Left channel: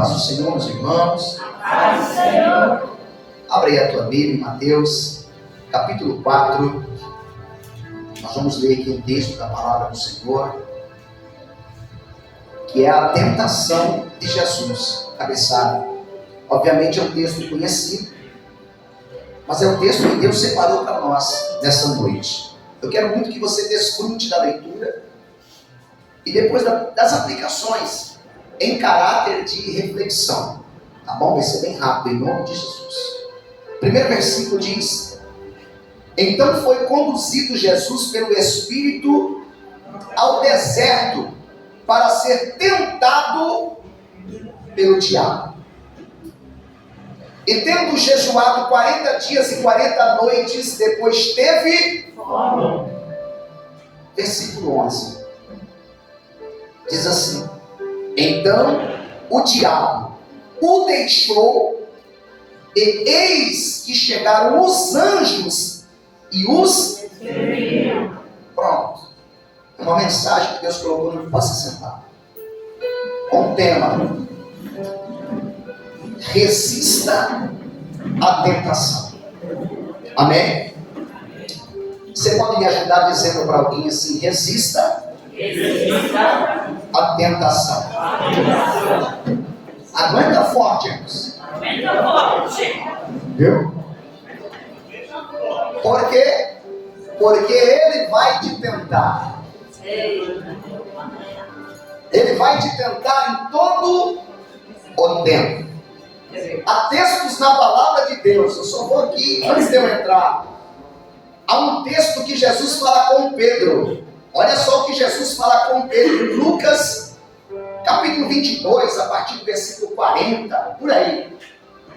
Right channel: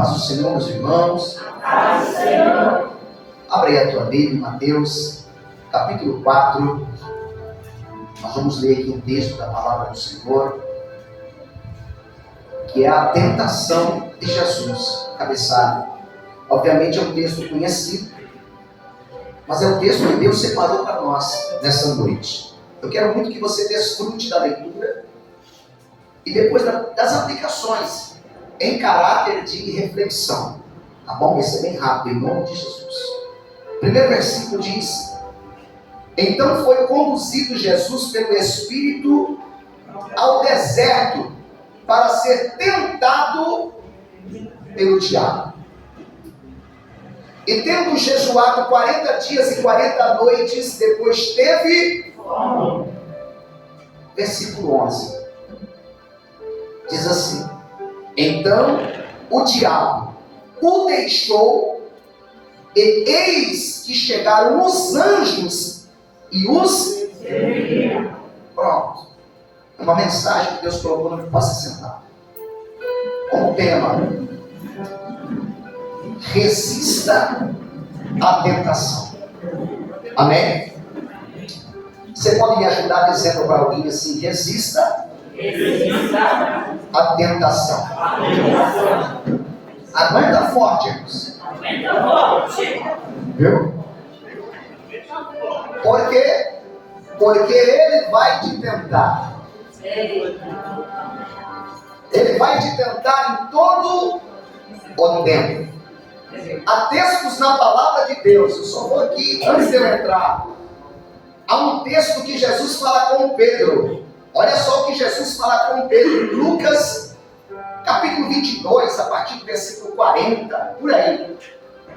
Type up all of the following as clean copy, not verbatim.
Paz do Senhor, meus irmãos. Paz do Senhor. Abre aí a tua Bíblia em Mateus, capítulo 4. Nós vamos ler aqui um texto da palavra do Senhor, que é a tentação de Jesus, cabeçada. Obviamente é um texto conhecido, mas é o texto que Deus separou para nós nessa noite. Eu quero muito que você desfrute da leitura e depois das aplicações em caráter de reflexão. Tá bom? Vai ser bem rápido, em nome de Jesus. O primeiro versículo diz: então foi conduzido Jesus pelo Espírito ao deserto para ser tentado pelo diabo. E tendo jejuado 40 dias e 40 noites, depois teve fome. Versículo 11 diz assim: então o diabo o deixou, e eis que chegaram os anjos e os serviram. Pronto. É uma mensagem que Deus colocou no que possa sentar. Com o tema: resista à tentação. Amém? Você pode me ajudar dizendo para alguém assim: resista à tentação. Aguenta forte, irmãos. Aguenta forte. Viu? Por quê? Porque ele vai te tentar. Ele vai te tentar em todo o tempo. Há textos na palavra de Deus. Eu só vou aqui, antes de eu entrar. Há um texto que Jesus fala com Pedro. Olha só o que Jesus fala com Pedro. Lucas, capítulo 22, a partir do versículo 40, por aí.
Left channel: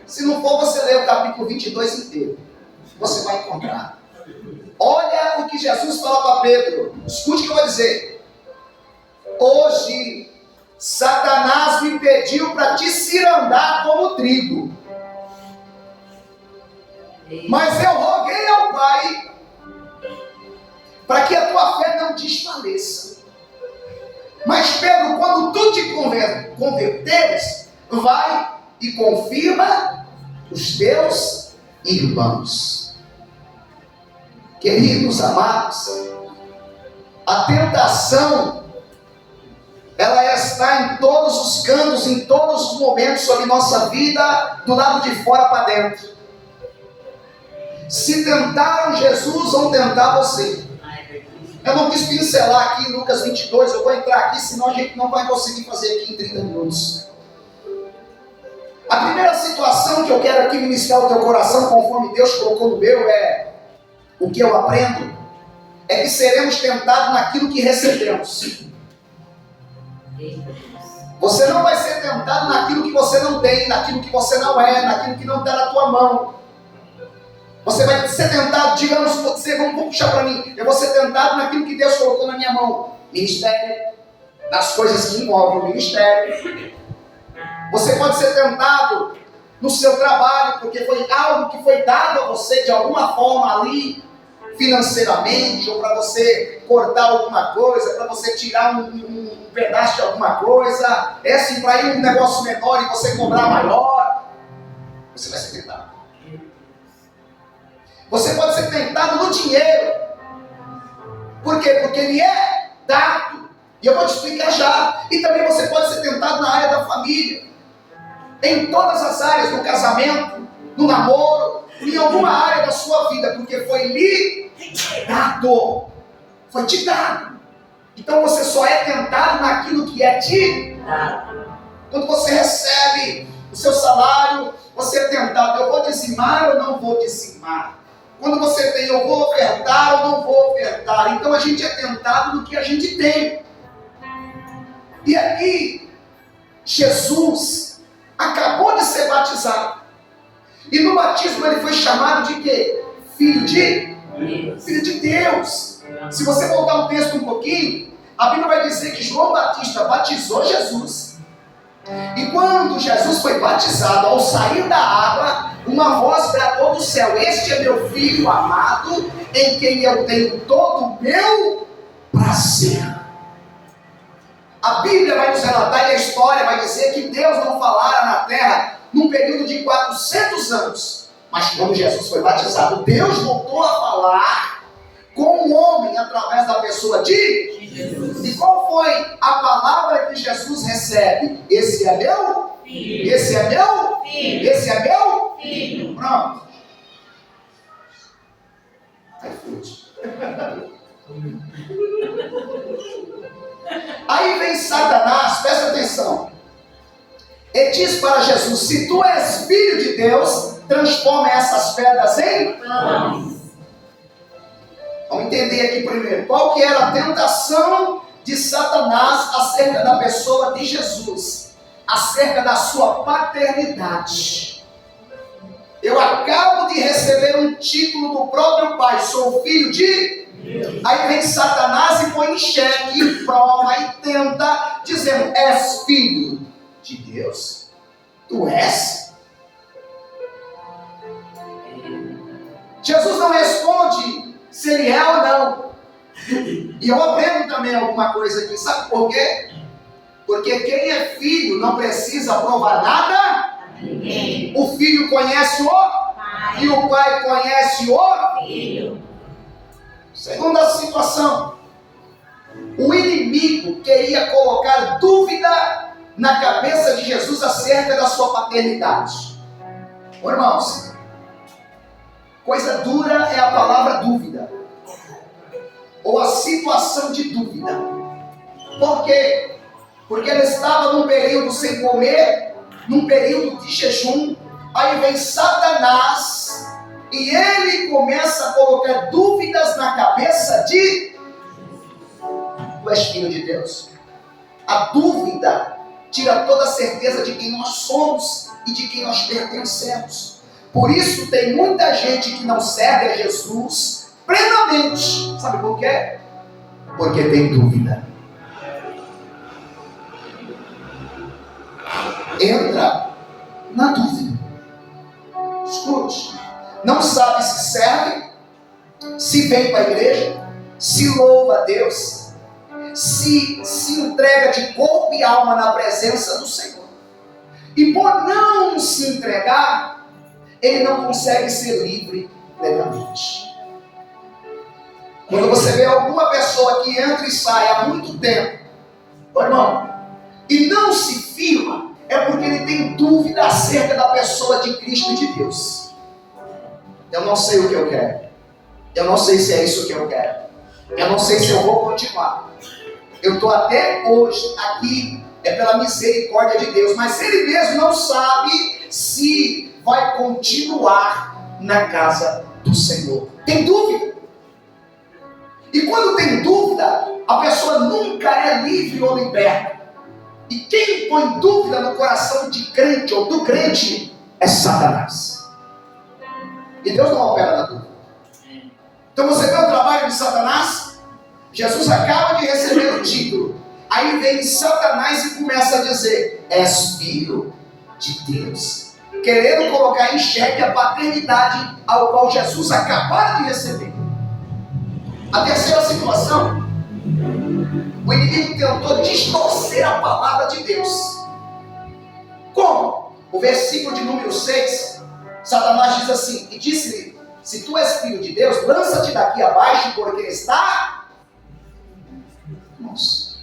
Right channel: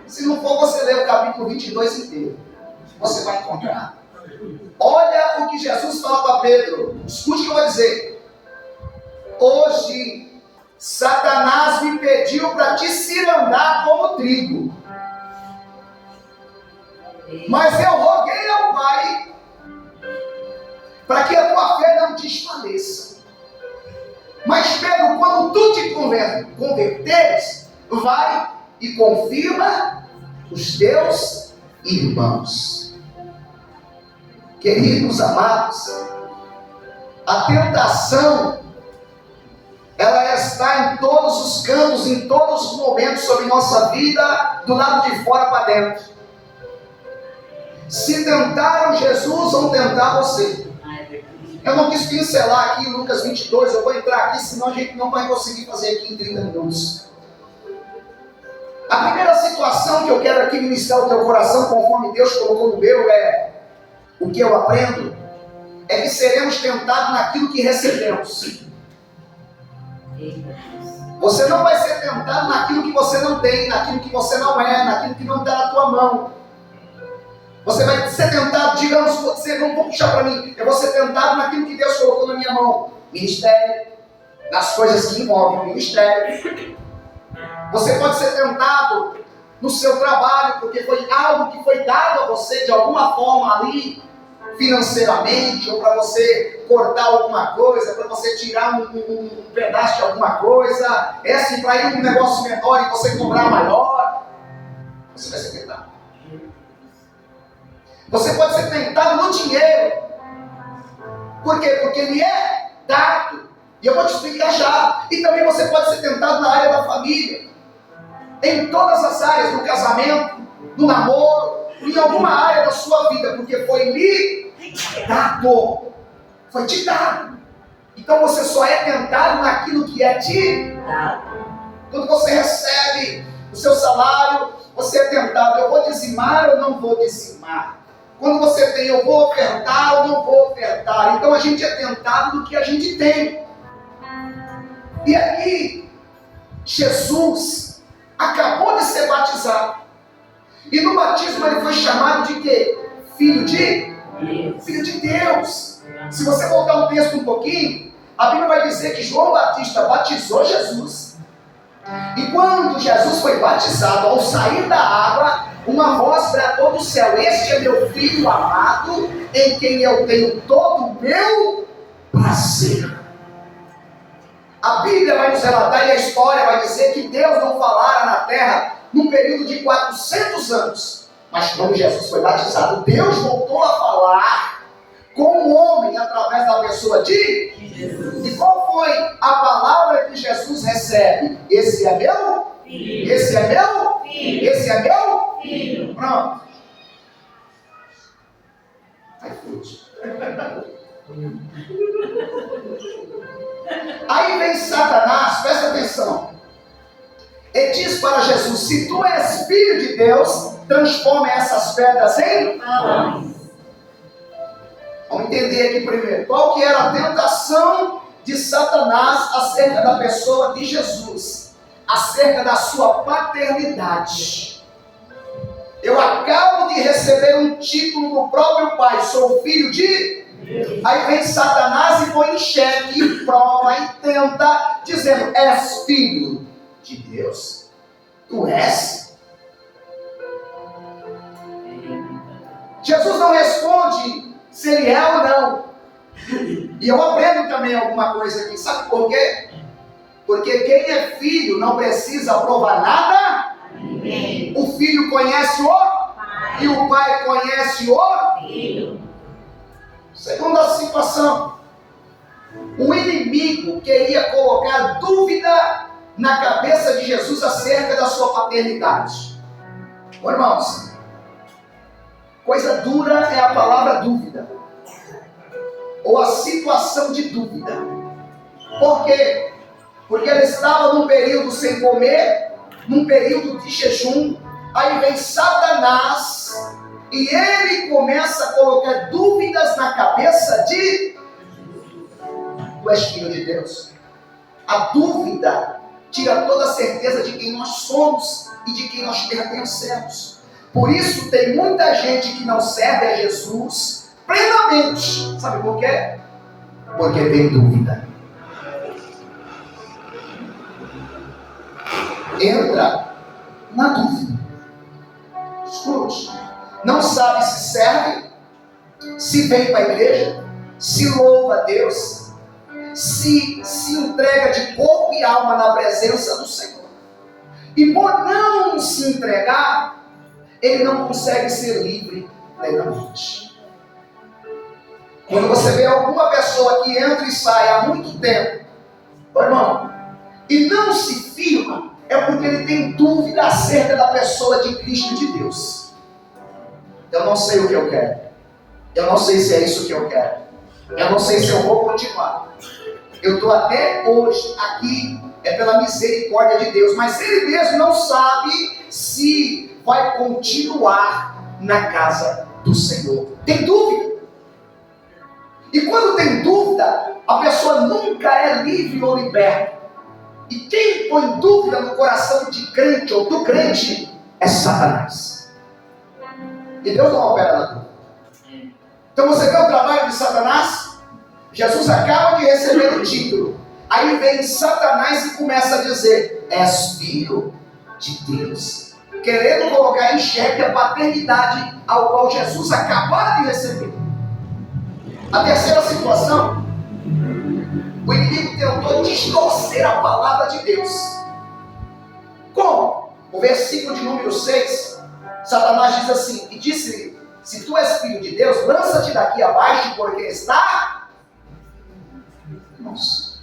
Se não for, você lê o capítulo 22 inteiro. Você vai encontrar. Olha o que Jesus fala para Pedro. Escute o que eu vou dizer. Hoje, Satanás me pediu para te cirandar como trigo. Mas eu roguei ao Pai para que a tua fé não desfaleça. Mas Pedro, quando tu te converteres, vai e confirma os teus irmãos. Queridos amados, a tentação, ela está em todos os cantos, em todos os momentos sobre nossa vida, do lado de fora para dentro. Se tentaram Jesus, vão tentar você. Eu não quis pincelar aqui em Lucas 22, eu vou entrar aqui, senão a gente não vai conseguir fazer aqui em 30 minutos. A primeira situação que eu quero aqui ministrar ao teu coração, conforme Deus colocou no meu, é o que eu aprendo, é que seremos tentados naquilo que recebemos. Você não vai ser tentado naquilo que você não tem, naquilo que você não é, naquilo que não está na tua mão. Você vai ser tentado, digamos, vamos puxar para mim, eu vou ser tentado naquilo que Deus colocou na minha mão. Ministério, nas coisas que envolvem o ministério. Você pode ser tentado no seu trabalho, porque foi algo que foi dado a você de alguma forma ali, financeiramente, ou para você cortar alguma coisa, para você tirar um pedaço de alguma coisa, é assim, para ir um negócio menor e você cobrar maior. Você vai ser tentado. Você pode ser tentado no dinheiro. Por quê? Porque ele é dado. E eu vou te explicar já. E também você pode ser tentado na área da família. Em todas as áreas, no casamento, no namoro, em alguma área da sua vida. Porque foi lhe dado. Foi te dado. Então você só é tentado naquilo que é te dado. Quando você recebe o seu salário, você é tentado. Eu vou dizimar ou não vou dizimar? Quando você tem, eu vou ofertar ou não vou ofertar. Então a gente é tentado do que a gente tem. E aqui, Jesus acabou de ser batizado. E no batismo ele foi chamado de quê? Filho de Deus. Filho de Deus. Se você voltar o texto um pouquinho, a Bíblia vai dizer que João Batista batizou Jesus. E quando Jesus foi batizado, ao sair da água, uma voz bradou do céu: este é meu filho amado, em quem eu tenho todo o meu prazer. A Bíblia vai nos relatar, e a história vai dizer que Deus não falara na terra num período de 400 anos. Mas quando Jesus foi batizado, Deus voltou a falar com o homem através da pessoa de Jesus. E qual foi a palavra que Jesus recebe? Esse é meu filho. Esse é meu filho. Esse é meu filho. Pronto. Aí vem Satanás, presta atenção, e diz para Jesus: se tu és filho de Deus, transforma essas pedras em pães. Vamos entender aqui primeiro qual que era a tentação de Satanás acerca da pessoa de Jesus, acerca da sua paternidade. Eu acabo de receber um título do próprio Pai, sou filho de Deus. Aí vem Satanás e põe em xeque, e prova e tenta, dizendo: és filho de Deus? Tu és? Jesus não responde se ele é ou não. E eu aprendo também alguma coisa aqui, sabe por quê? Porque quem é filho não precisa provar nada. O filho conhece o pai, e o pai conhece o filho. Segunda situação, o inimigo queria colocar dúvida na cabeça de Jesus acerca da sua paternidade. Ô, irmãos, coisa dura é a palavra dúvida, ou a situação de dúvida. Por quê? Porque ele estava num período sem comer, num período de jejum. Aí vem Satanás e ele começa a colocar dúvidas na cabeça de: tu és filho de Deus? A dúvida tira toda a certeza de quem nós somos e de quem nós pertencemos. Por isso tem muita gente que não serve a Jesus plenamente. Sabe por quê? Porque tem dúvida. Entra na dúvida. Escute. Não sabe se serve, se vem para a igreja, se louva a Deus, se entrega de corpo e alma na presença do Senhor. E por não se entregar, ele não consegue ser livre plenamente. Quando você vê alguma pessoa que entra e sai há muito tempo, irmão, e não se firma, é porque ele tem dúvida acerca da pessoa de Cristo e de Deus. Eu não sei o que eu quero. Eu não sei se é isso que eu quero. Eu não sei se eu vou continuar. Eu estou até hoje aqui, é pela misericórdia de Deus, mas ele mesmo não sabe se vai continuar na casa do Senhor. Tem dúvida. E quando tem dúvida, a pessoa nunca é livre ou liberta. E quem põe dúvida no coração de crente ou do crente é Satanás. E Deus não opera na dúvida. Então você vê o trabalho de Satanás? Jesus acaba de receber o título. Aí vem Satanás e começa a dizer: és filho de Deus. Querendo colocar em xeque a paternidade ao qual Jesus acabou de receber. A terceira situação, o inimigo tentou distorcer a palavra de Deus. Como? O versículo de número 6, Satanás diz assim: e disse-lhe: se tu és filho de Deus, lança-te daqui abaixo, porque está... Nossa,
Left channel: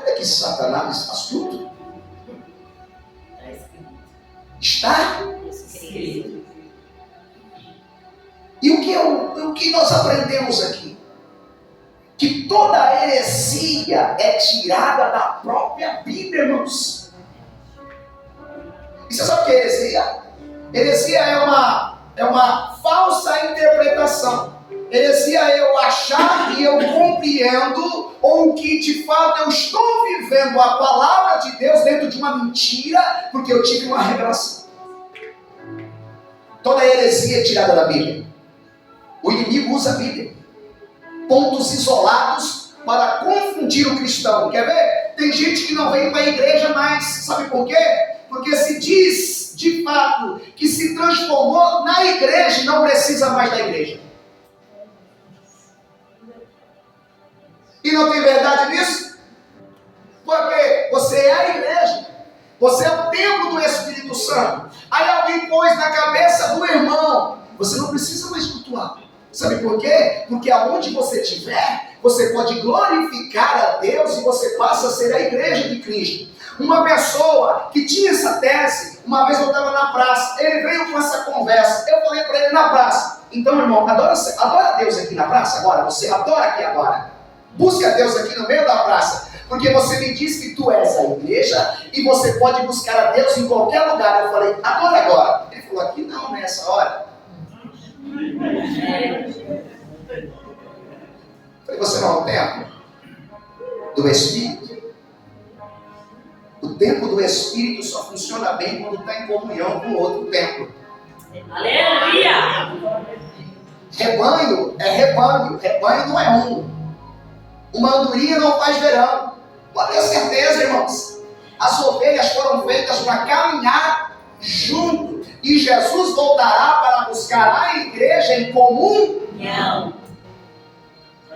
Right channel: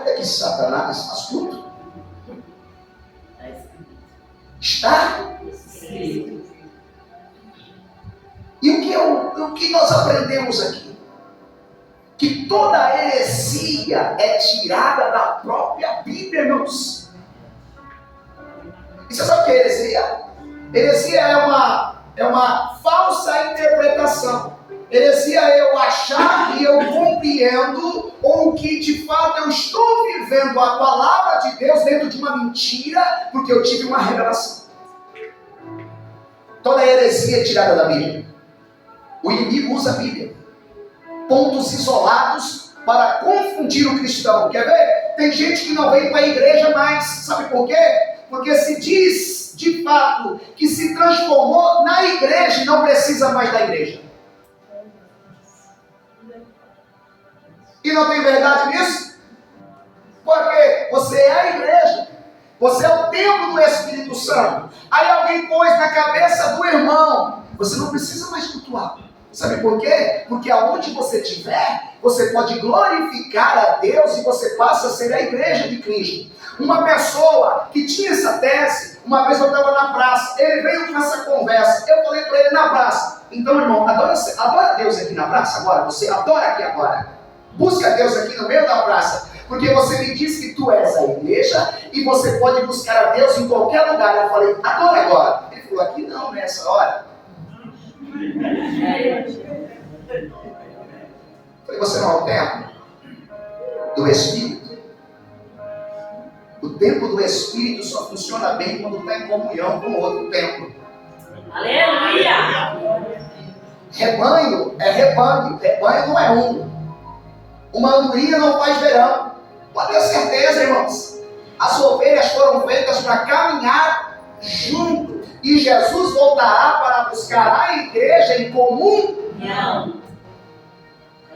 olha que Satanás astuto. Está escrito. E o que nós aprendemos aqui? Que toda heresia é tirada da própria Bíblia, irmãos. E você sabe o que é heresia? Heresia é uma falsa interpretação. Heresia é eu achar que eu compreendo, ou que de fato eu estou vivendo a palavra de Deus dentro de uma mentira, porque eu tive uma revelação. Toda heresia é tirada da Bíblia. O inimigo usa a Bíblia, pontos isolados, para confundir o cristão. Quer ver? Tem gente que não vem para a igreja mais. Sabe por quê? Porque se diz de fato que se transformou na igreja e não precisa mais da igreja. E não tem verdade nisso? Porque você é a igreja. Você é o templo do Espírito Santo. Aí alguém pôs na cabeça do irmão: você não precisa mais cultuar. Sabe por quê? Porque aonde você estiver, você pode glorificar a Deus e você passa a ser a igreja de Cristo. Uma pessoa que tinha essa tese, uma vez eu estava na praça, ele veio com essa conversa, eu falei para ele na praça: então, irmão, adora Deus aqui na praça agora, você adora aqui agora. Busca Deus aqui no meio da praça, porque você me diz que tu és a igreja e você pode buscar a Deus em qualquer lugar. Eu falei: adora agora. Ele falou: aqui não, nessa hora. Falei: você não é o templo do Espírito? O templo do Espírito só funciona bem quando está em comunhão com outro templo. Aleluia! Rebanho é rebanho, rebanho não é um. Uma andorinha não faz verão. Pode ter certeza, irmãos. As ovelhas foram feitas para caminhar junto. E Jesus voltará para buscar a igreja em comum. Não.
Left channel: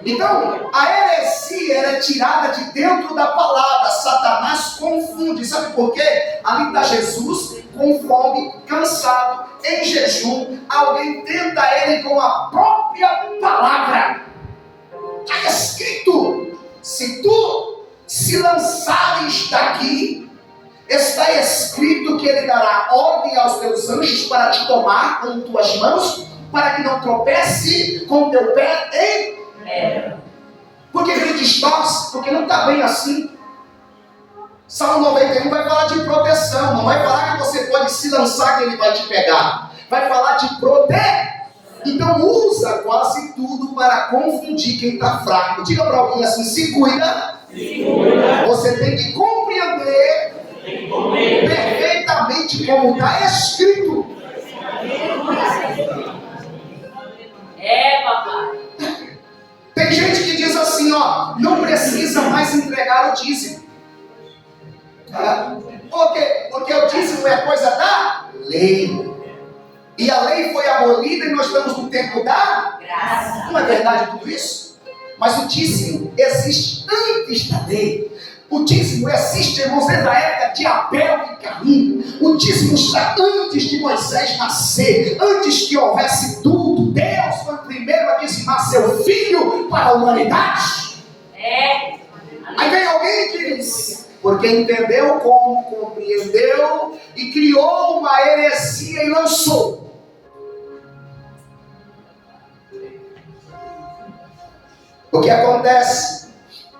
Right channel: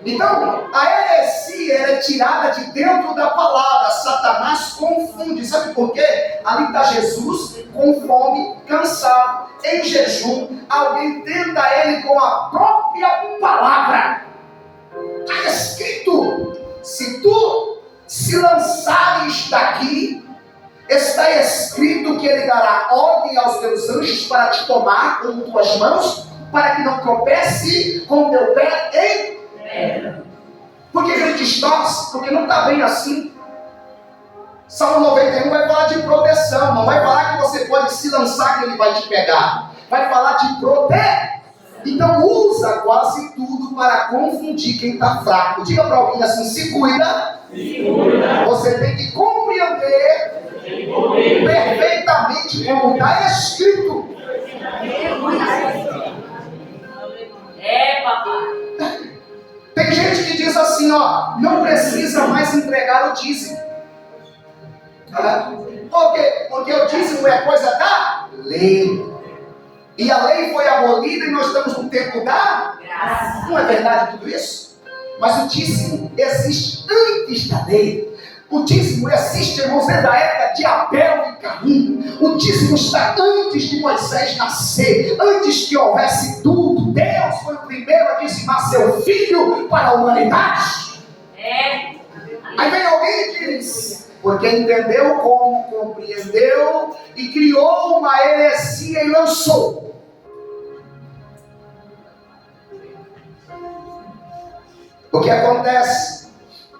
Então, a heresia era tirada de dentro da palavra. Satanás confunde. Sabe por quê? Ali está Jesus com fome, cansado, em jejum. Alguém tenta ele com a própria palavra. Está escrito: se tu se lançares daqui, está escrito que ele dará ordem aos teus anjos para te tomar com tuas mãos, para que não tropece com teu pé em... Por que ele distorce? Porque não está bem assim. Salmo 91 vai falar de proteção, não vai falar que você pode se lançar que ele vai te pegar. Vai falar de proteção. Então usa quase tudo para confundir quem está fraco. Diga para alguém assim: se cuida. Você tem que compreender perfeitamente como está escrito. Papai. Tem gente que diz assim, ó: não precisa mais entregar o dízimo. Por quê? Porque o dízimo é coisa da lei. E a lei foi abolida e nós estamos no tempo da graça. Não é verdade tudo isso? Mas o dízimo existe antes da lei. O dízimo existe, irmãos, desde a época de Abel e Caim. O dízimo está antes de Moisés nascer, antes que houvesse tudo. Deus foi o primeiro a dizimar seu filho para a humanidade. Aí vem alguém e diz: porque entendeu como, compreendeu e criou uma heresia e lançou. O que acontece?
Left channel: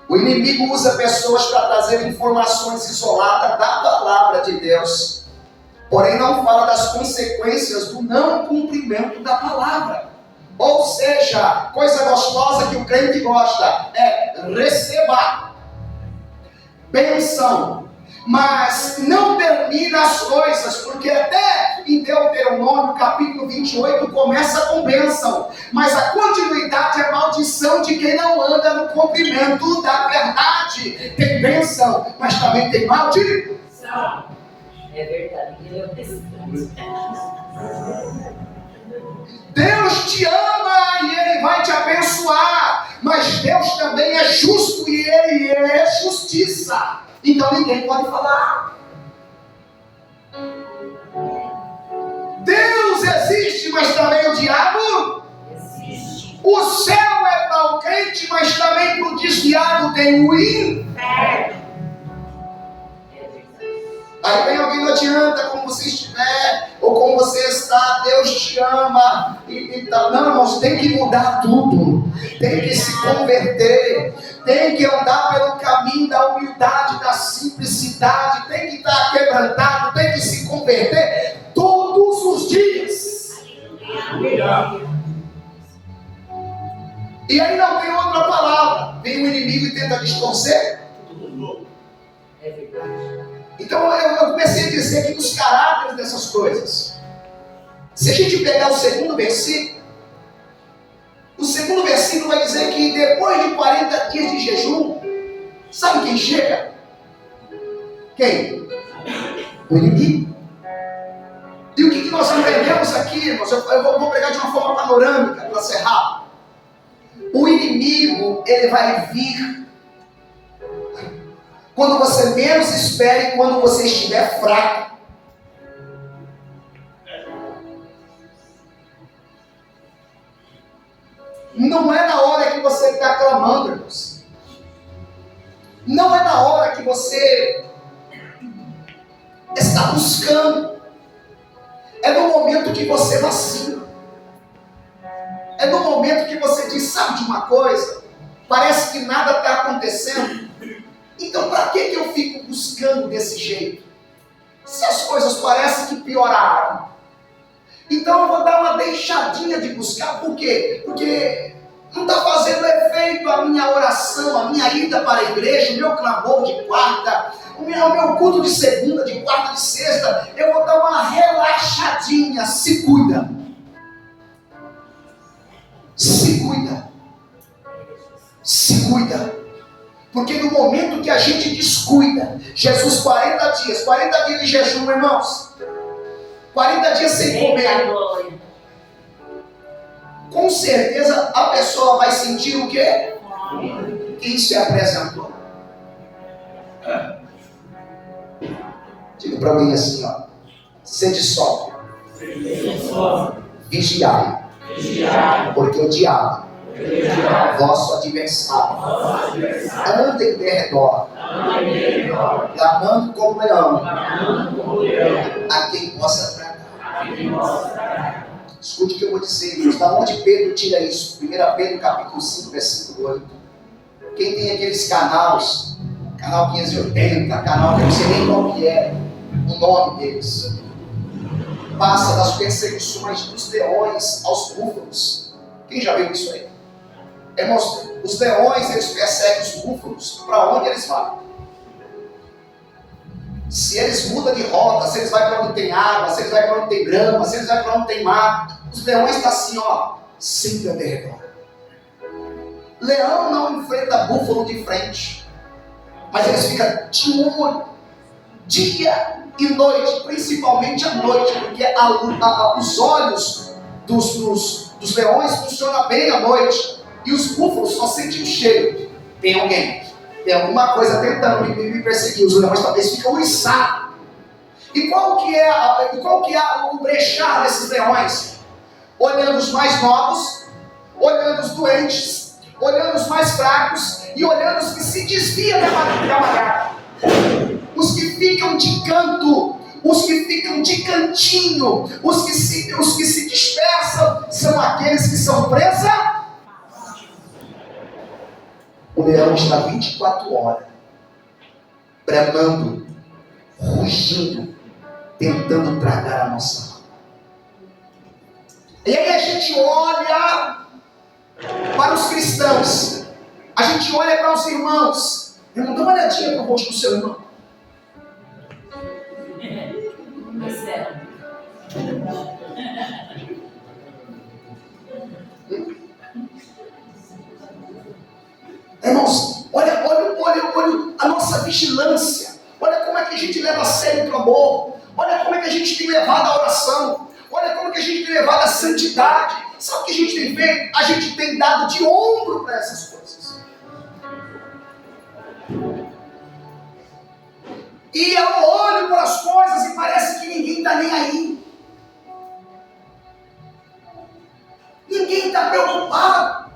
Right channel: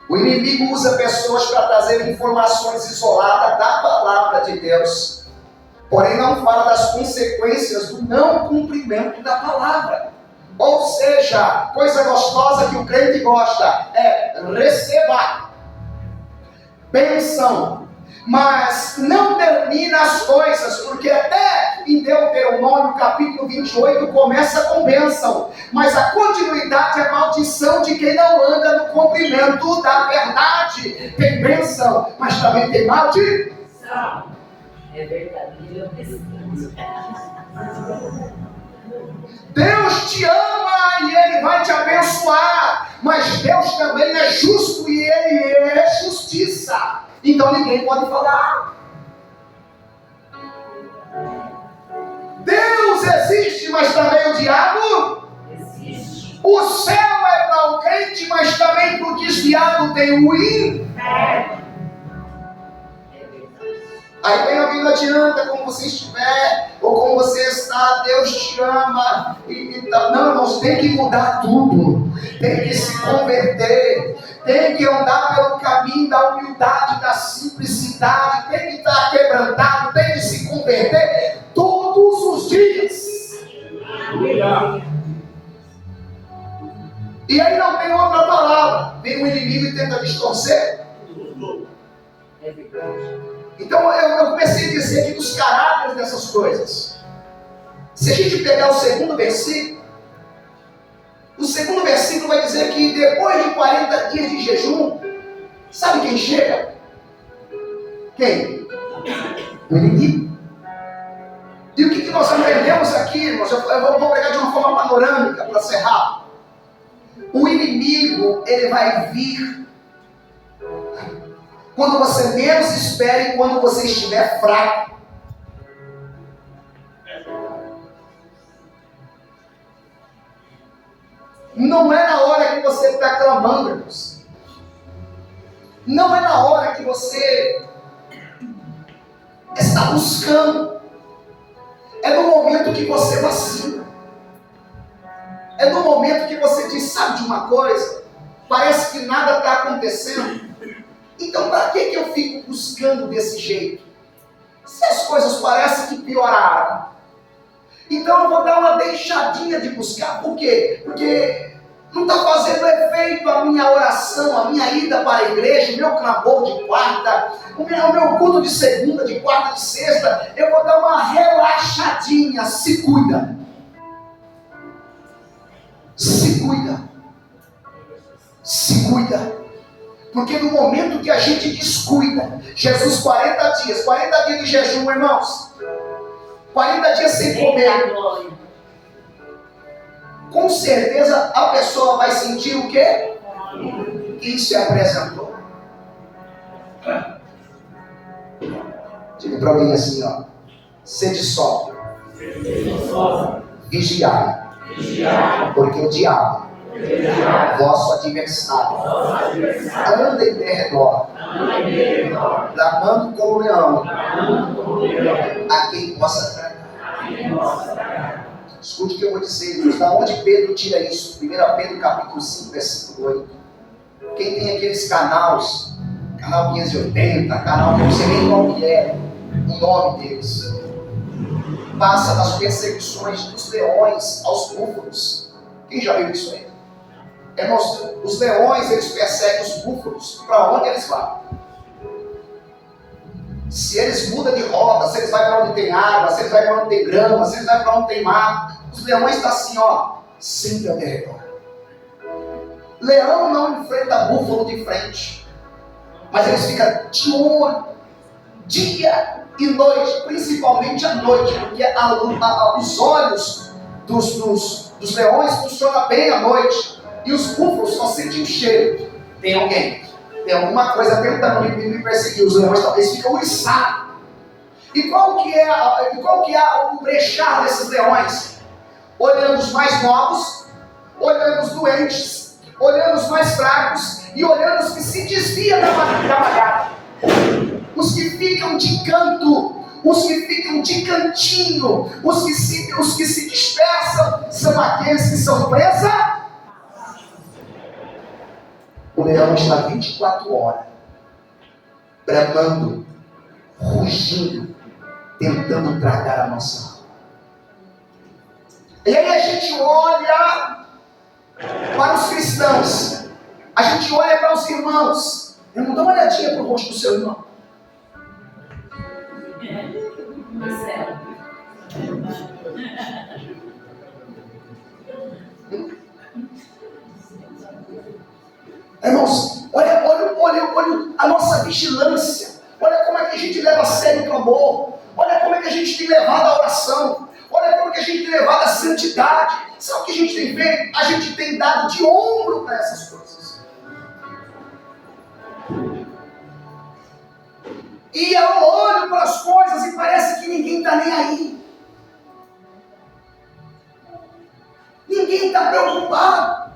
O inimigo usa pessoas para trazer informações isoladas da palavra de Deus, porém não fala das consequências do não cumprimento da palavra. Ou seja, coisa gostosa que o crente gosta é receba bênção, mas não termina as coisas, porque até em Deuteronômio capítulo 28 começa com bênção, mas a continuidade é maldição de quem não anda no cumprimento da verdade. Tem bênção, mas também tem maldição. É verdade, ele é o descanso. Deus te ama e Ele vai te abençoar, mas Deus também é justo e Ele é justiça. Então ninguém pode falar. Deus existe, mas também o diabo Existe. O céu é para o crente, mas também para o desviado tem o inferno. Aí vem alguém: não adianta como você estiver, ou como você está, Deus te ama. Não, irmãos, tem que mudar tudo. Tem que se converter. Tem que andar pelo caminho da humildade, da simplicidade. Tem que estar quebrantado. Tem que se converter todos os dias. E aí não tem outra palavra. Vem o inimigo e tenta distorcer. É verdade. Então eu comecei a dizer aqui dos caráteres dessas coisas. Se a gente pegar o segundo versículo vai dizer que depois de 40 dias de jejum, sabe quem chega? Quem? O inimigo. E o que nós aprendemos aqui, irmãos? Eu vou pregar de uma forma panorâmica para ser rápido. O inimigo, ele vai vir quando você menos espere, quando você estiver fraco. Não é na hora que você está clamando, irmãos. Não é na hora que você está buscando. É no momento que você vacila. É no momento que você diz, sabe de uma coisa? Parece que nada está acontecendo. Então para que eu fico buscando desse jeito? Se as coisas parecem que pioraram. Então eu vou dar uma deixadinha de buscar. Por quê? Porque não está fazendo efeito a minha oração, a minha ida para a igreja, o meu clamor de quarta, o meu culto de segunda, de quarta, de sexta. Eu vou dar uma relaxadinha. Se cuida. Se cuida. Se cuida. Porque no momento que a gente descuida, Jesus 40 dias de jejum, irmãos, 40 dias sem comer, com certeza a pessoa vai sentir o quê? Quem se apresentou. Diga para alguém assim, ó, sede sóbrio, vigiai, porque o diabo, vosso adversário, anda em derredor, bramando como leão, a quem possa tragar. Escute o que eu vou dizer, irmãos. Da onde Pedro tira isso? 1 Pedro capítulo 5, versículo 8. Quem tem aqueles canais, canal 580, canal que eu não sei nem qual que é o nome deles, passa das perseguições dos leões aos búfalos. Quem já viu isso aí? Irmãos, os leões, eles perseguem os búfalos para onde eles vão. Se eles mudam de rota, se eles vão para onde tem água, se eles vão para onde tem grama, se eles vão para onde tem mar, os leões estão assim, ó, sempre ao derredor. Leão não enfrenta búfalo de frente, mas eles ficam de olho, dia e noite, principalmente à noite, porque os olhos dos leões funcionam bem à noite, e os búfalos só sentem o cheiro. Tem alguém, tem alguma coisa tentando me perseguir. Os leões talvez ficam uriçados. E qual que é o brechar desses leões? Olhando os mais novos, olhando os doentes, olhando os mais fracos e olhando os que se desviam da manada. Os que ficam de canto, os que ficam de cantinho, os que se dispersam, são aqueles que são presa. O leão está 24 horas, bramando, rugindo, tentando tragar a nossa alma. E aí a gente olha para os cristãos, a gente olha para os irmãos. Irmão, dá uma olhadinha para o rosto do seu irmão. Irmãos, olha a nossa vigilância. Olha como é que a gente leva a sério o clamor. Olha como é que a gente tem levado a oração. Olha como é que a gente tem levado a santidade. Sabe o que a gente tem feito? A gente tem dado de ombro para essas coisas. E eu olho para as coisas e parece que ninguém está nem aí. Ninguém está preocupado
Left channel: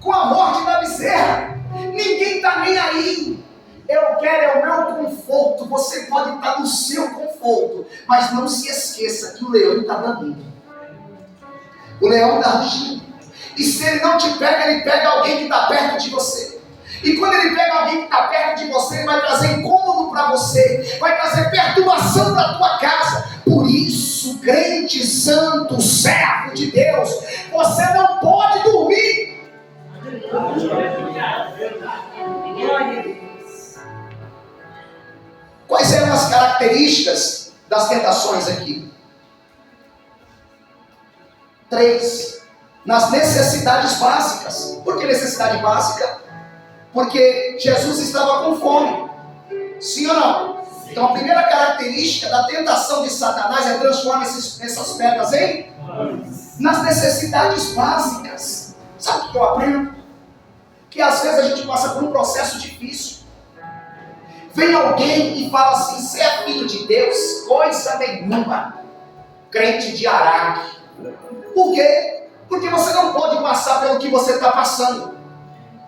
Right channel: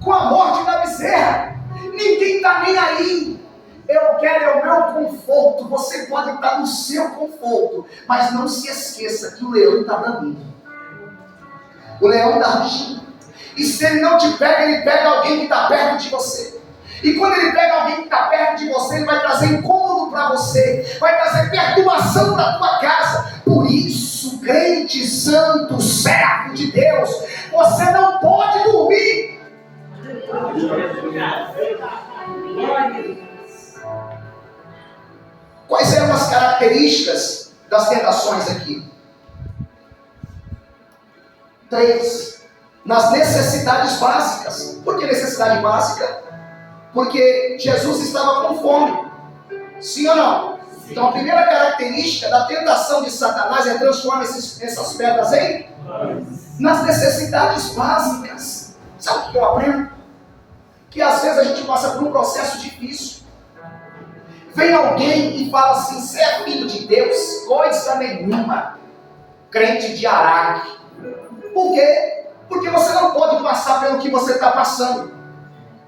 com a morte da bezerra. Ninguém está nem aí. Eu quero o meu conforto. Você pode estar no seu conforto, mas não se esqueça que o leão está bramindo. O leão está rugindo. E se ele não te pega, ele pega alguém que está perto de você. E quando ele pega alguém que está perto de você, ele vai trazer incômodo para você, vai trazer perturbação para a tua casa. Por isso, crente, santo, servo de Deus, você não pode dormir. Quais eram as características das tentações aqui? 3. Nas necessidades básicas. Por que necessidade básica? Porque Jesus estava com fome. Sim ou não? Então a primeira característica da tentação de Satanás é transformar essas pedras em? Nas necessidades básicas. Sabe o que eu aprendo? Que às vezes a gente passa por um processo difícil. Vem alguém e fala assim: você é filho de Deus? Coisa nenhuma. Crente de Araque. Por quê? Porque você não pode passar pelo que você está passando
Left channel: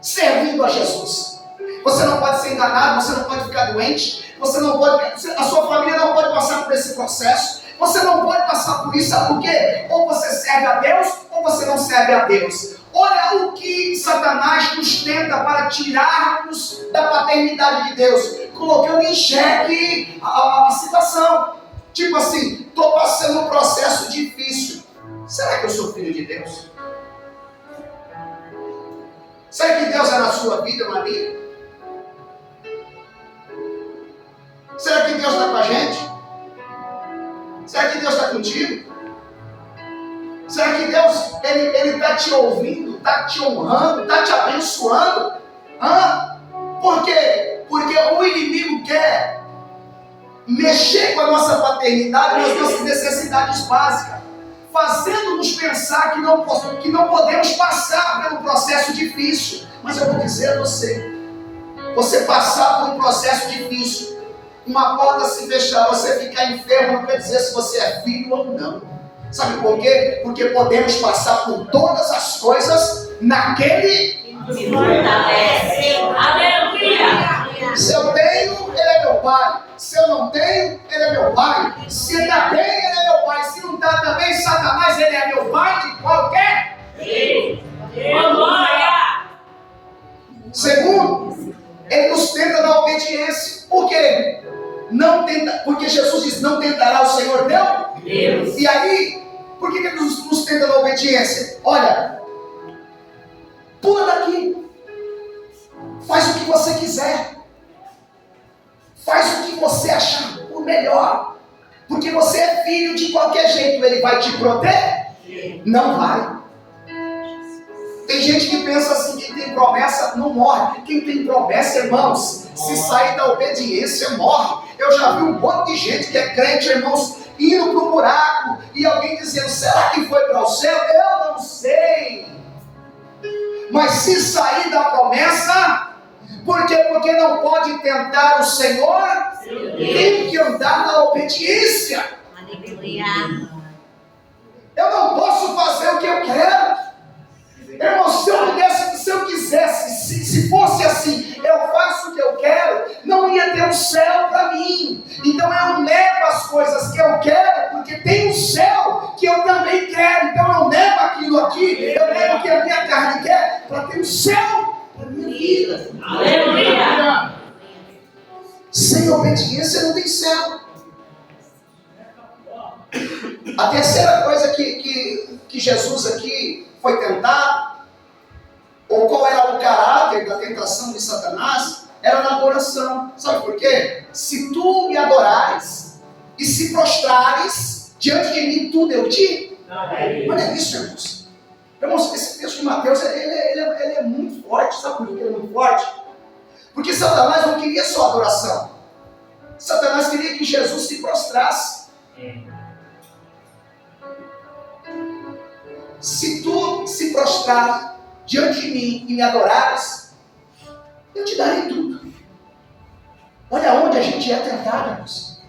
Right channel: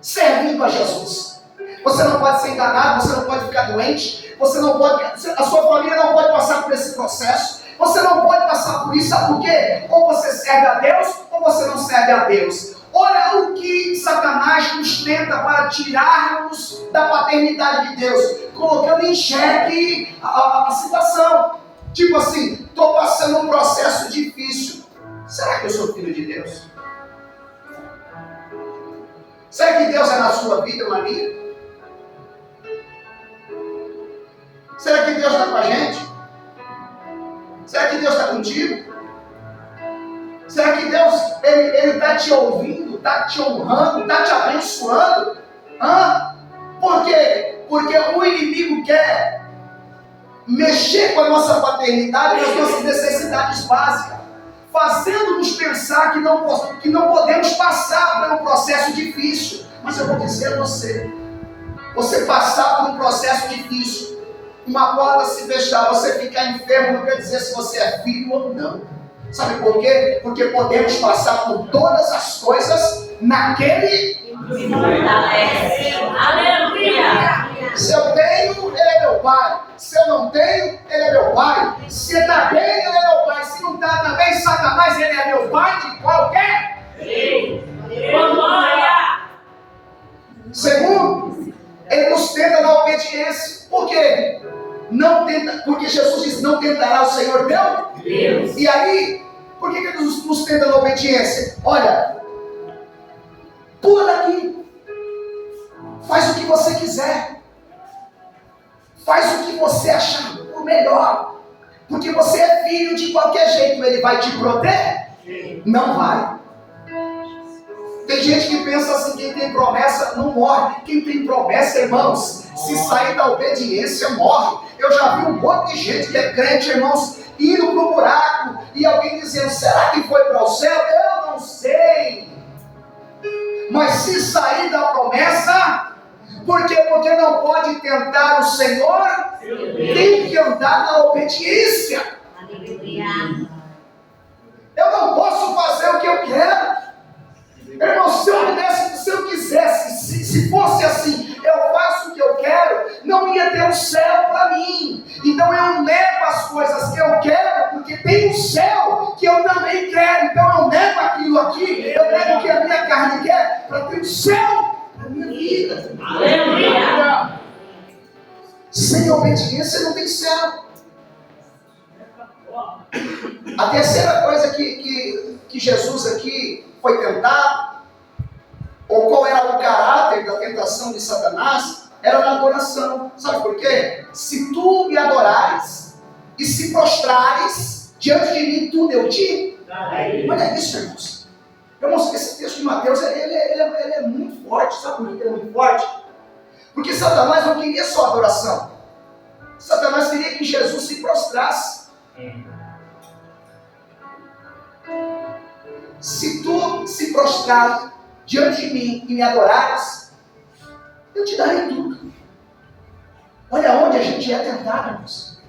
servindo a Jesus. Você não pode ser enganado, você não pode ficar doente, você não pode, a sua família não pode passar por esse processo, você não pode passar por isso, sabe por quê? Ou você serve a Deus, ou você não serve a Deus. Olha o que Satanás nos tenta para tirarmos da paternidade de Deus, colocando em xeque a situação. Tipo assim, estou passando um processo difícil. Será que eu sou filho de Deus? Será que Deus é na sua vida ou na minha? Será que Deus está com a gente? Será que Deus está contigo? Será que Deus ele está te ouvindo, está te honrando, está te abençoando? Por quê? Porque o inimigo quer mexer com a nossa paternidade, nas nossas necessidades básicas, fazendo-nos pensar que não podemos passar pelo processo difícil. Mas eu vou dizer a você passar por um processo difícil, uma porta se fechar, você ficar enfermo, não quer dizer se você é filho ou não. Sabe por quê? Porque podemos passar por todas as coisas naquele que fortalece. Aleluia! Se eu tenho, ele é meu pai. Se eu não tenho, ele é meu pai. Se ele está bem, ele é meu pai. Se não está também, Satanás, ele é meu pai de qualquer. Segundo, ele nos tenta na obediência. Por quê? Não tenta, porque Jesus diz: não tentará o Senhor Deus. E aí, por que ele nos tenta na obediência? Olha, pula daqui, faz o que você quiser, faz o que você achar o melhor, porque você é filho. De qualquer jeito ele vai te proteger? Não vai. Tem gente que pensa assim: quem tem promessa não morre. Quem tem promessa, irmãos, se sair da obediência, morre. Eu já vi um monte de gente que é crente, irmãos, indo para o buraco, e alguém dizendo: será que foi para o céu? Eu não sei. Mas se sair da promessa, por quê? Porque não pode tentar o Senhor, tem que andar na obediência. Eu não posso fazer o que eu quero. Irmão, se eu pudesse, se eu quisesse, se fosse assim, eu faço o que eu quero, não ia ter um céu para mim. Então eu nego as coisas que eu quero, porque tem um céu que eu também quero. Então eu nego aquilo aqui, eu nego o que a minha carne quer, para ter um céu para minha vida. Aleluia! Sem obediência não tem céu. A terceira coisa que Jesus aqui foi tentado, ou qual era o caráter da tentação de Satanás, era na adoração. Sabe por quê? Se tu me adorares e se prostrares diante de mim, tudo eu te. Olha isso, irmãos. Irmãos, esse texto de Mateus ele é muito forte. Sabe por que ele é muito forte? Porque Satanás não queria só adoração. Satanás queria que Jesus se prostrasse. Se tu se prostrar diante de mim e me adorares, eu te darei tudo. Olha onde a gente é tentado, irmãos.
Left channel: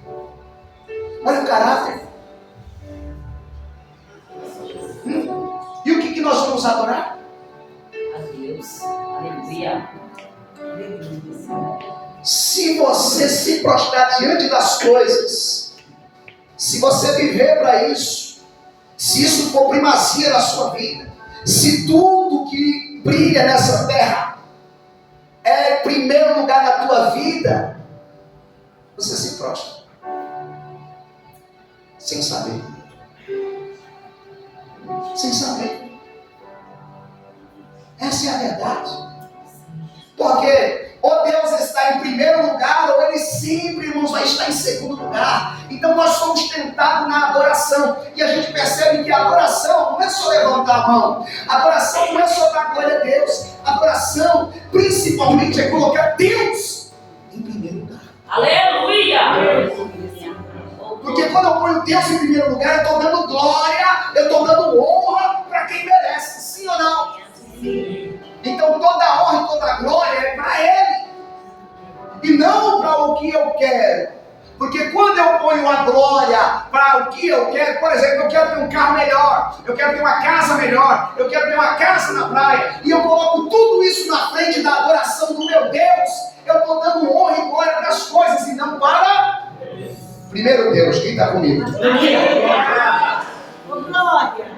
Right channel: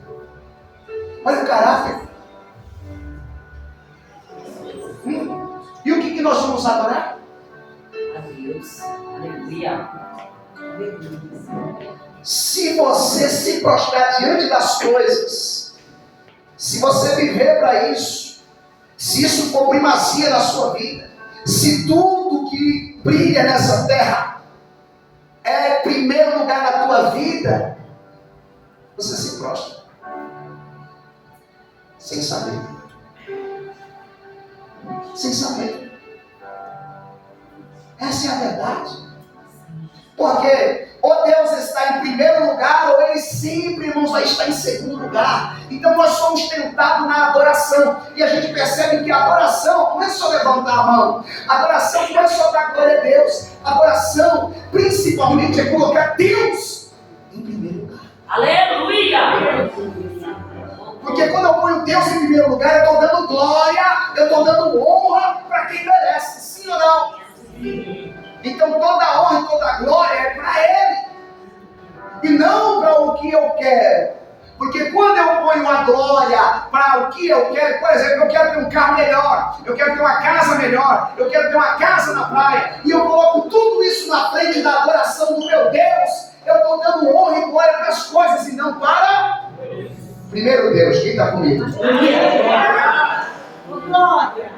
Olha o caráter. E o que nós vamos adorar? A Deus. Aleluia. Se você se prostrar diante das coisas, se você viver para isso, se isso for primazia na sua vida, se tudo que brilha nessa terra é primeiro lugar na tua vida, você se prostra sem saber. Sem saber. Essa é a verdade. Porque ou Deus está em primeiro lugar, ou Ele sempre, irmãos, vai estar em segundo lugar. Então nós somos tentados na adoração. E a gente percebe que a adoração não é só levantar a mão. A adoração não é só dar glória a Deus. A adoração, principalmente, é colocar Deus em primeiro lugar. Aleluia! Porque quando eu ponho Deus em primeiro lugar, eu estou dando glória, eu estou dando honra para quem merece. Sim ou não? Então toda a honra e toda a glória é para Ele. E não para o que eu quero. Porque quando eu ponho a glória para o que eu quero, por exemplo, eu quero ter um carro melhor, eu quero ter uma casa melhor, eu quero ter uma casa na praia, e eu coloco tudo isso na frente da adoração do meu Deus, eu estou dando honra e glória para as coisas e não para primeiro Deus. Quem está comigo? Glória.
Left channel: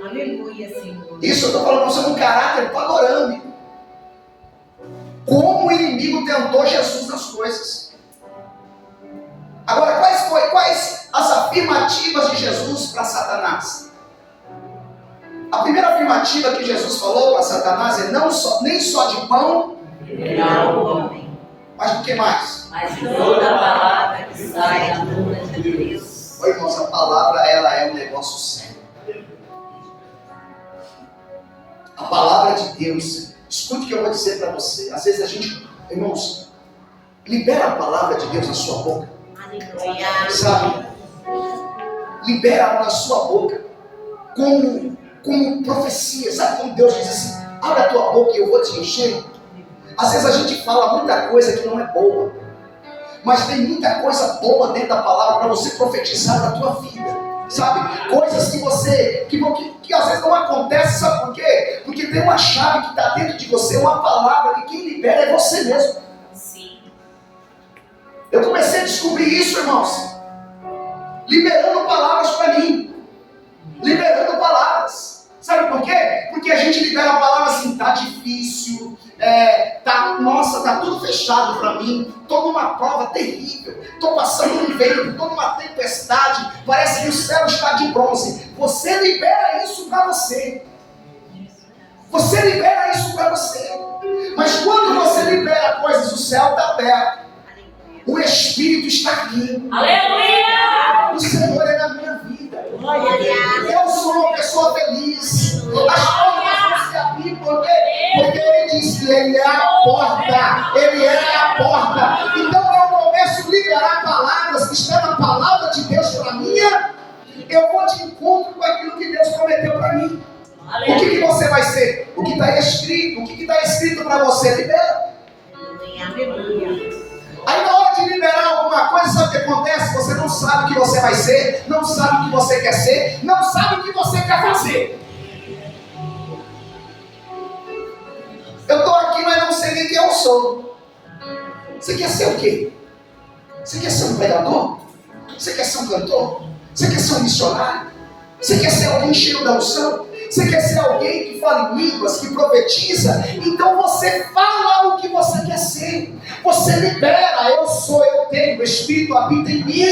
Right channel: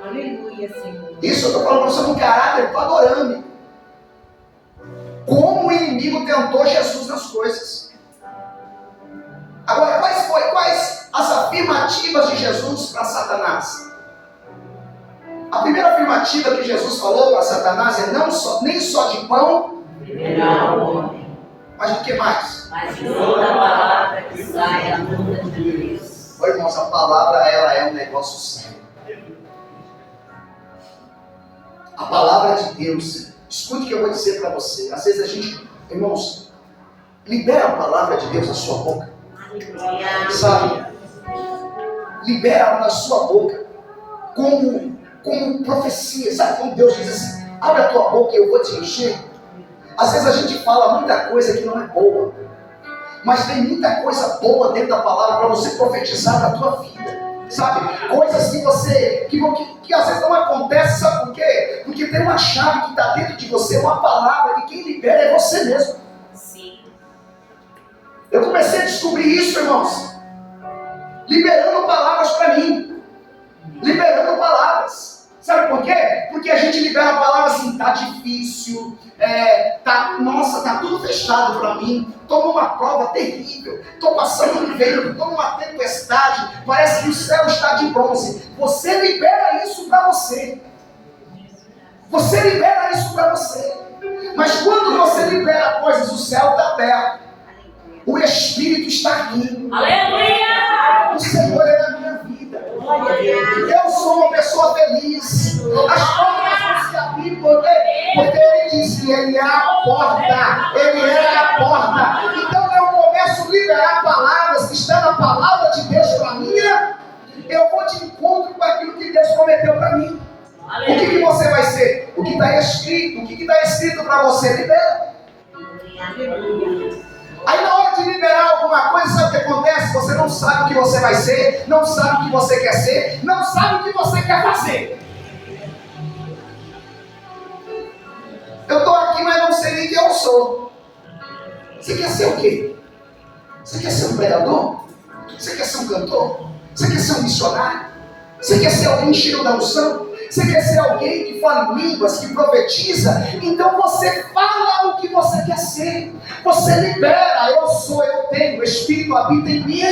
Aleluia, Senhor. Isso eu estou falando para você num caráter panorâmico. Como o inimigo tentou Jesus nas coisas. Agora, quais as afirmativas de Jesus para Satanás? A primeira afirmativa que Jesus falou para Satanás é nem só de pão, mas do que mais? Mas de toda a palavra que sai da boca de Deus. Ô, irmãos, a palavra ela é um negócio sério. A palavra de Deus, escute o que eu vou dizer para você. Às vezes a gente, irmãos, libera a palavra de Deus na sua boca. Aleluia. Sabe? Libera na sua boca como profecia. Sabe quando Deus diz assim, abre a tua boca e eu vou te encher? Às vezes a gente fala muita coisa que não é boa, mas tem muita coisa boa dentro da palavra para você profetizar na tua vida. Sabe? Coisas que você, que às vezes não acontece, sabe por quê? Porque tem uma chave que está dentro de você, uma palavra que quem libera é você mesmo. Sim. Eu comecei a descobrir isso, irmãos, liberando palavras para mim, liberando palavras. Sabe por quê? Porque a gente libera a palavra assim, tá difícil, nossa, tá tudo fechado para mim, tô numa prova terrível, tô passando um vento, tô numa tempestade, parece que o céu está de bronze. Você libera isso para você. Você libera isso para você. Mas quando você libera coisas, o céu está aberto. O Espírito está aqui. Aleluia! O Senhor é na minha vida. Eu sou uma pessoa feliz. As portas não se abrem porque Ele disse que Ele é a porta. Ele é a porta. Então eu começo a liberar palavras que estão na palavra de Deus para mim. Eu vou de encontro com aquilo que Deus prometeu para mim. O que você vai ser? O que está escrito. O que está escrito para você? Libera. Aleluia. Aí na hora de liberar alguma coisa, sabe o que acontece? Você não sabe o que você vai ser, não sabe o que você quer ser, não sabe o que você quer fazer. Eu estou aqui, mas não sei nem quem eu sou. Você quer ser o quê? Você quer ser um pregador? Você quer ser um cantor? Você quer ser um missionário? Você quer ser alguém cheio da unção? Você quer ser alguém que fala em línguas, que profetiza? Então você fala o que você quer ser. Você libera, eu sou, eu tenho, o Espírito habita em mim.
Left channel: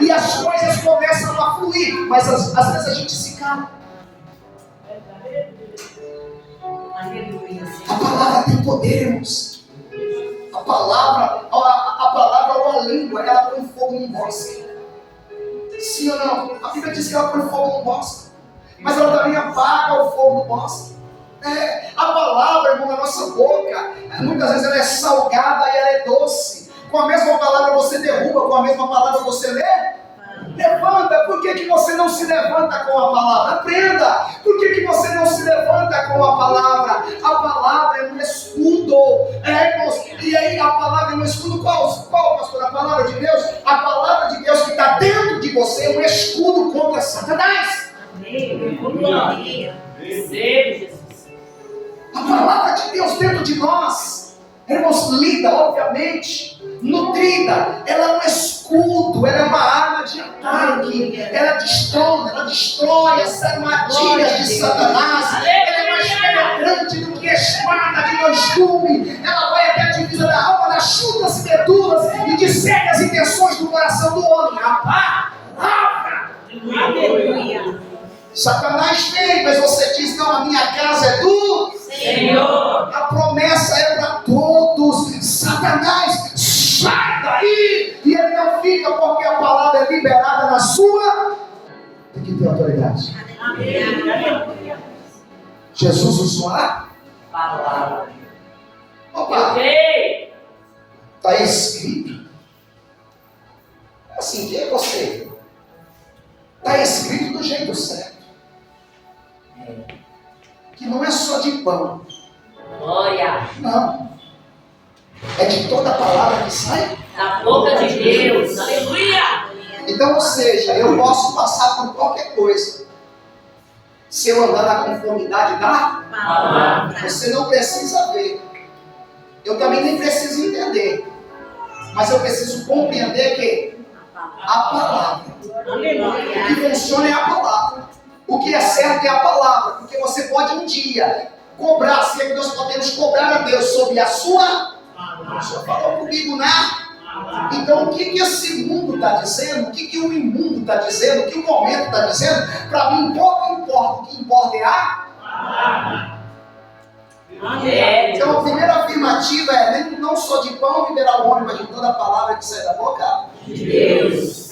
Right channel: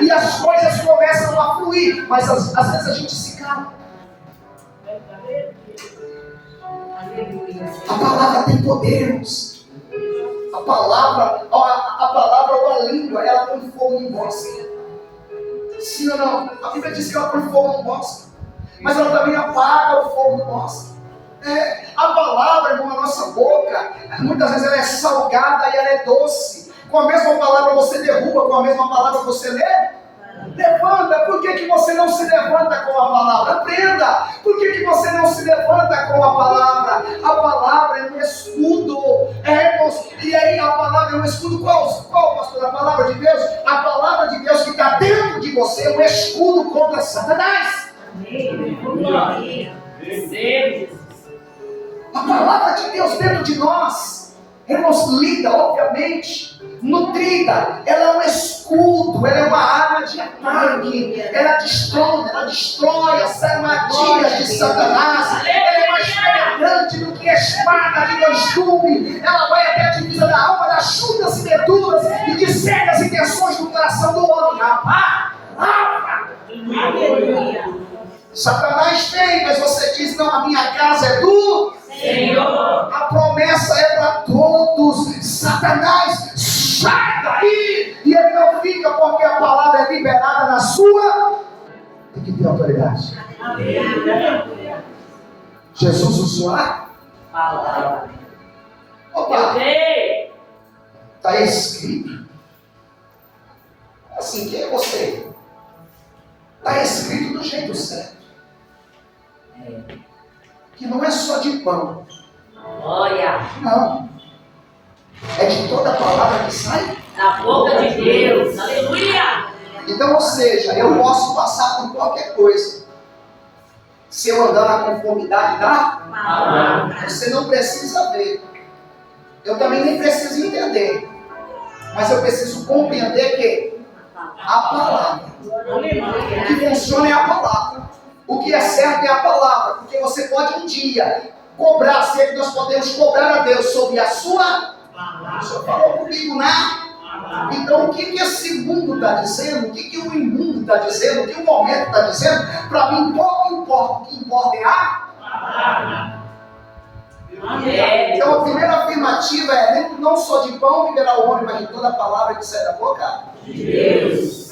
E as coisas começam a fluir. Mas às vezes a gente se cala. A palavra tem poder, irmãos. A palavra ou a língua, ela põe fogo no bosque. Sim ou não? A Bíblia diz que ela põe fogo no bosque. Mas ela também apaga o fogo do bosque. A palavra, irmão, na nossa boca, muitas vezes ela é salgada e ela é doce. Com a mesma palavra você derruba, com a mesma palavra você levanta. Por que você não se levanta com a palavra? Aprenda. Por que você não se levanta com a palavra? A palavra é um escudo. Irmãos, e aí a palavra é um escudo qual, pastor? A palavra de Deus? A palavra de Deus que está dentro de você é um escudo contra Satanás. A palavra de Deus dentro de nós, irmãos, lida, obviamente, nutrida, ela é um escudo, ela é uma arma de ataque, ela destrói as armadilhas de Satanás, ela é mais penetrante do que a espada de dois gumes, ela vai até a divisa da alma, das chutas e medulas e discerne as intenções do coração do homem. Aleluia. Satanás vem, mas você diz, não, a minha casa é do Senhor. A promessa é para todos. Satanás, sai daí! E ele não fica porque a palavra é liberada na sua. Tem que ter autoridade. Aleluia. Jesus usou a Palavra. Opa, Ei! está escrito. Assim, quem é você? Está escrito do jeito certo. Que não é só de pão. Glória. Não. É de toda palavra que sai? Da boca de Deus. Aleluia. Então, ou seja, eu posso passar por qualquer coisa. Se eu andar na conformidade da Palavra. você não precisa ver. Eu também nem preciso entender. Mas eu preciso compreender que a palavra. O que Aleluia. funciona é a palavra. O que é certo é a palavra. Porque você pode um dia cobrar, se é que nós podemos cobrar a Deus sobre a sua. O Senhor falou comigo, né? Então o que esse mundo está dizendo? O que o imundo está dizendo? O que o momento está dizendo? Para mim pouco importa. O que importa é a. Então a primeira afirmativa é: não só de pão viverá o homem, mas de toda a palavra que sai da boca De Deus.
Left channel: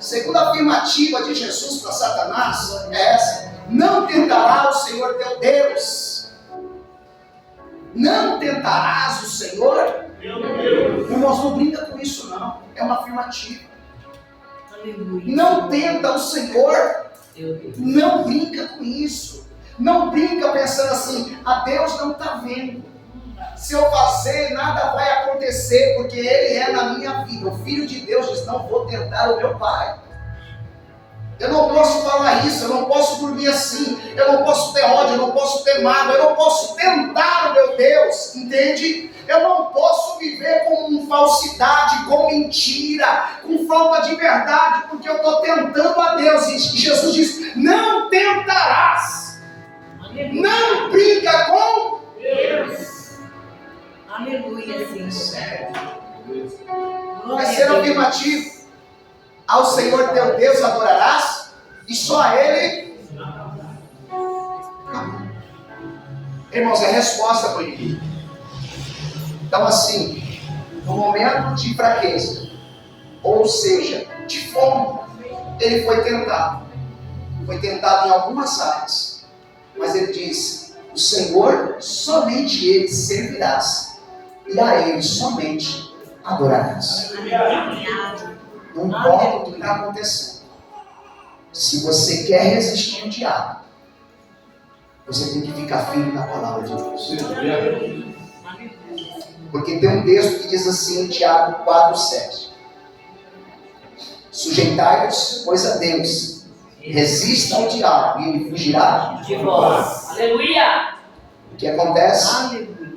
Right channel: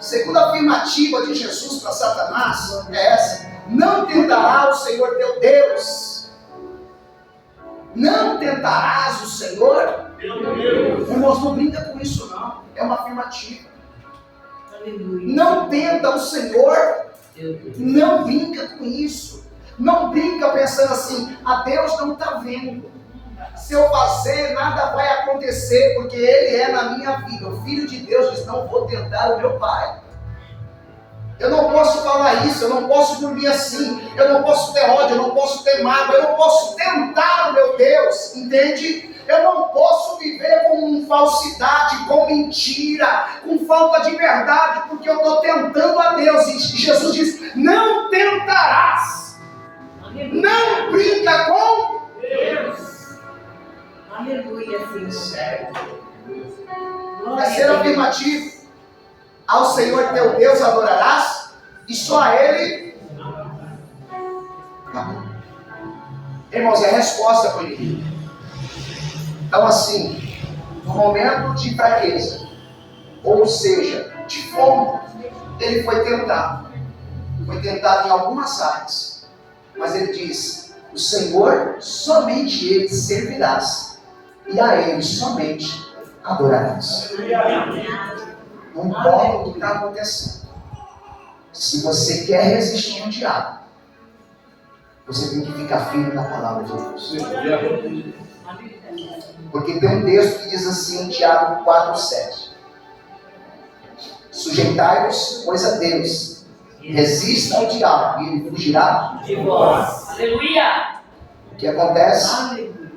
Segunda afirmativa de Jesus para Satanás é essa: não tentará o Senhor teu Deus. Não tentarás o Senhor. Irmãos, não brinca com isso não. É uma afirmativa. Não tenta o Senhor. Não brinca com isso. Não brinca pensando assim: a Deus não está vendo. Se eu fazer, nada vai acontecer, porque Ele é na minha vida. O Filho de Deus diz: não vou tentar o meu Pai. Eu não posso falar isso, eu não posso dormir assim, eu não posso ter ódio, eu não posso ter mágoa, eu não posso tentar o meu Deus, entende? Eu não posso viver com falsidade, com mentira, com falta de verdade, porque eu estou tentando a Deus. E Jesus diz: não tentarás. Não brinca com Deus. Aleluia, sim. Sério. Glória Terceiro a Deus. afirmativo: ao Senhor teu Deus adorarás, e só a Ele. Amém. Irmãos, é a resposta para o inimigo. Então, assim, no momento de fraqueza, ou seja, de fome, ele foi tentado. Foi tentado em algumas áreas. Mas ele diz: o Senhor, somente Ele servirás, e a Ele somente adorarás. Não importa o que está acontecendo. Se você quer resistir ao diabo, você tem que ficar firme na palavra de Deus. Porque tem um texto que diz assim em Tiago 4,7: sujeitai-vos, pois, a Deus, resista ao diabo e ele fugirá De vós. Aleluia. O que acontece? Aleluia.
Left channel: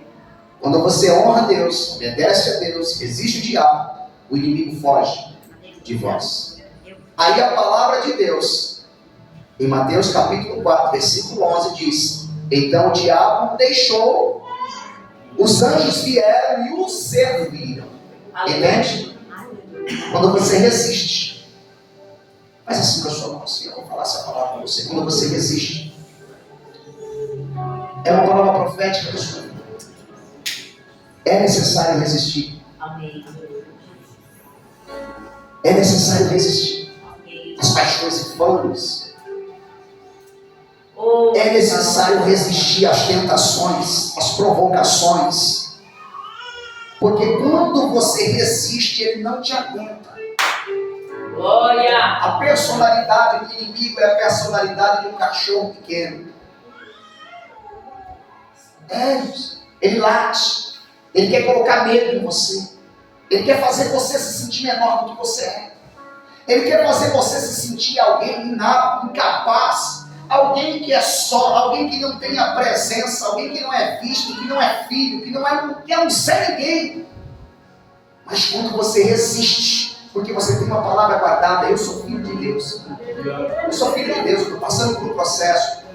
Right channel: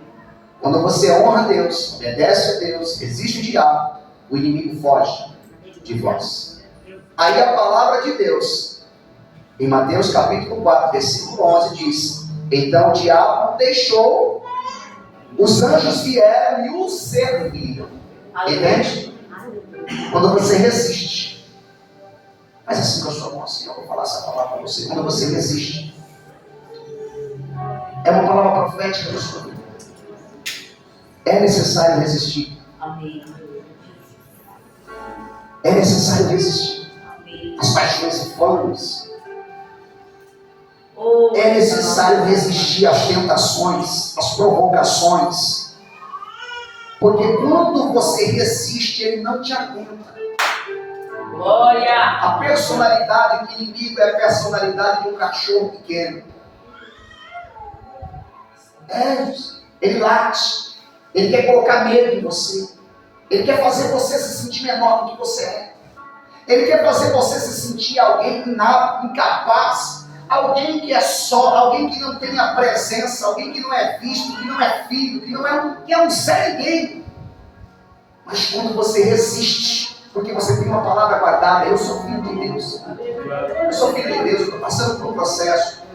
Quando você honra a Deus, obedece a Deus, resiste ao diabo, o inimigo foge de vós. Aí a palavra de Deus, em Mateus capítulo 4, versículo 11, diz: então o diabo deixou, os anjos vieram e o serviram. Entende? Quando você resiste, faz assim com a sua mão assim, eu vou falar essa palavra para você. Quando você resiste, é uma palavra profética da sua vida. É necessário resistir. Amém. É necessário resistir. Amém. As paixões infames. Oh, É necessário resistir às tentações, às provocações. Porque quando você resiste, ele não te aguenta. glória. A personalidade do inimigo é a personalidade de um cachorro pequeno. Ele late. Ele quer colocar medo em você. Ele quer fazer você se sentir menor do que você é. Ele quer fazer você se sentir alguém inapto, incapaz. Alguém que é só, alguém que não tem a presença, alguém que não é visto, que não é filho, que não serve ninguém. Mas quando você resiste, porque você tem uma palavra guardada: eu sou filho de Deus. Eu sou filho de Deus, eu estou passando por um processo.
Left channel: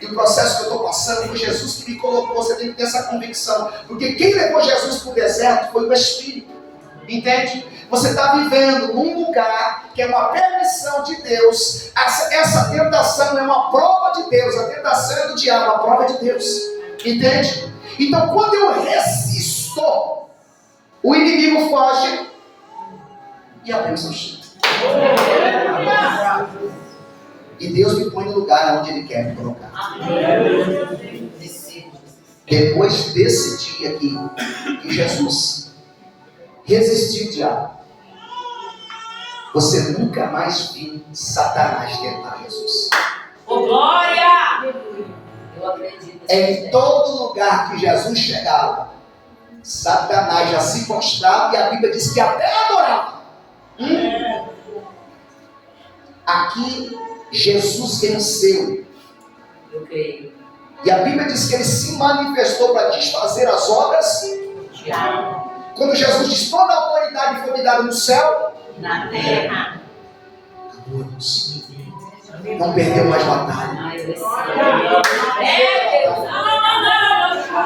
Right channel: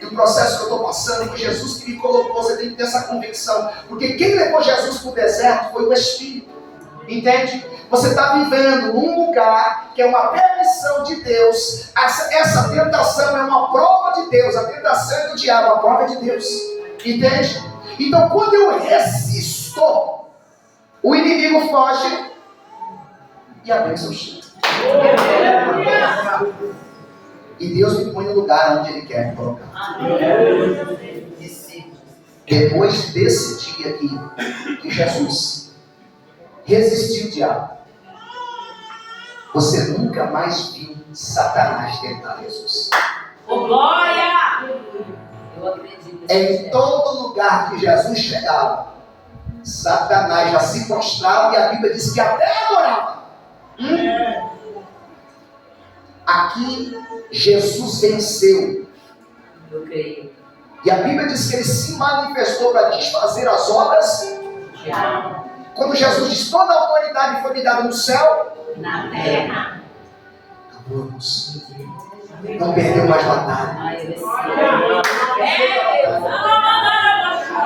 E o processo que eu estou passando, foi Jesus que me colocou. Você tem que ter essa convicção. Porque quem levou Jesus para o deserto foi o Espírito. Entende? Você está vivendo num lugar que é uma permissão de Deus. Essa tentação é uma prova de Deus. A tentação é do diabo, a prova é de Deus. Entende? Então quando eu resisto, o inimigo foge e a bênção chega. E Deus me põe no lugar onde Ele quer me colocar. Depois desse dia aqui, que Jesus resistiu o diabo, você nunca mais viu Satanás tentar Jesus. Oh, glória. Eu acredito. Em todo lugar que Jesus chegava, Satanás já se prostrava e a Bíblia diz que até adorava. Aqui Jesus venceu. Eu creio. E a Bíblia diz que ele se manifestou para desfazer as obras. Tiago. Quando Jesus diz toda a autoridade foi me dada no céu, Na terra. acabou, irmãos. Não perdeu mais batalha. Ai, eu recebo.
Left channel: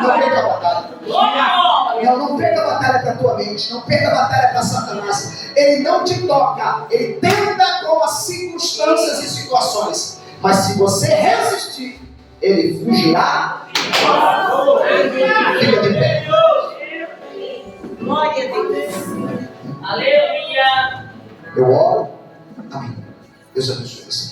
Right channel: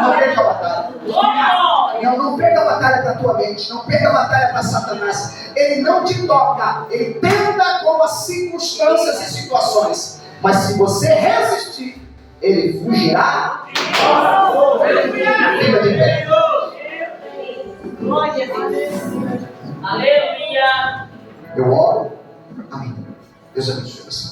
Não perca a batalha. Não perca a batalha para a tua mente. Não perca a batalha para Satanás. Ele não te toca. Ele tenta com as circunstâncias e situações. Mas se você resistir, ele fugirá. Fica de pé. Glória a Deus. Aleluia. Eu oro. Amém. Deus abençoe você.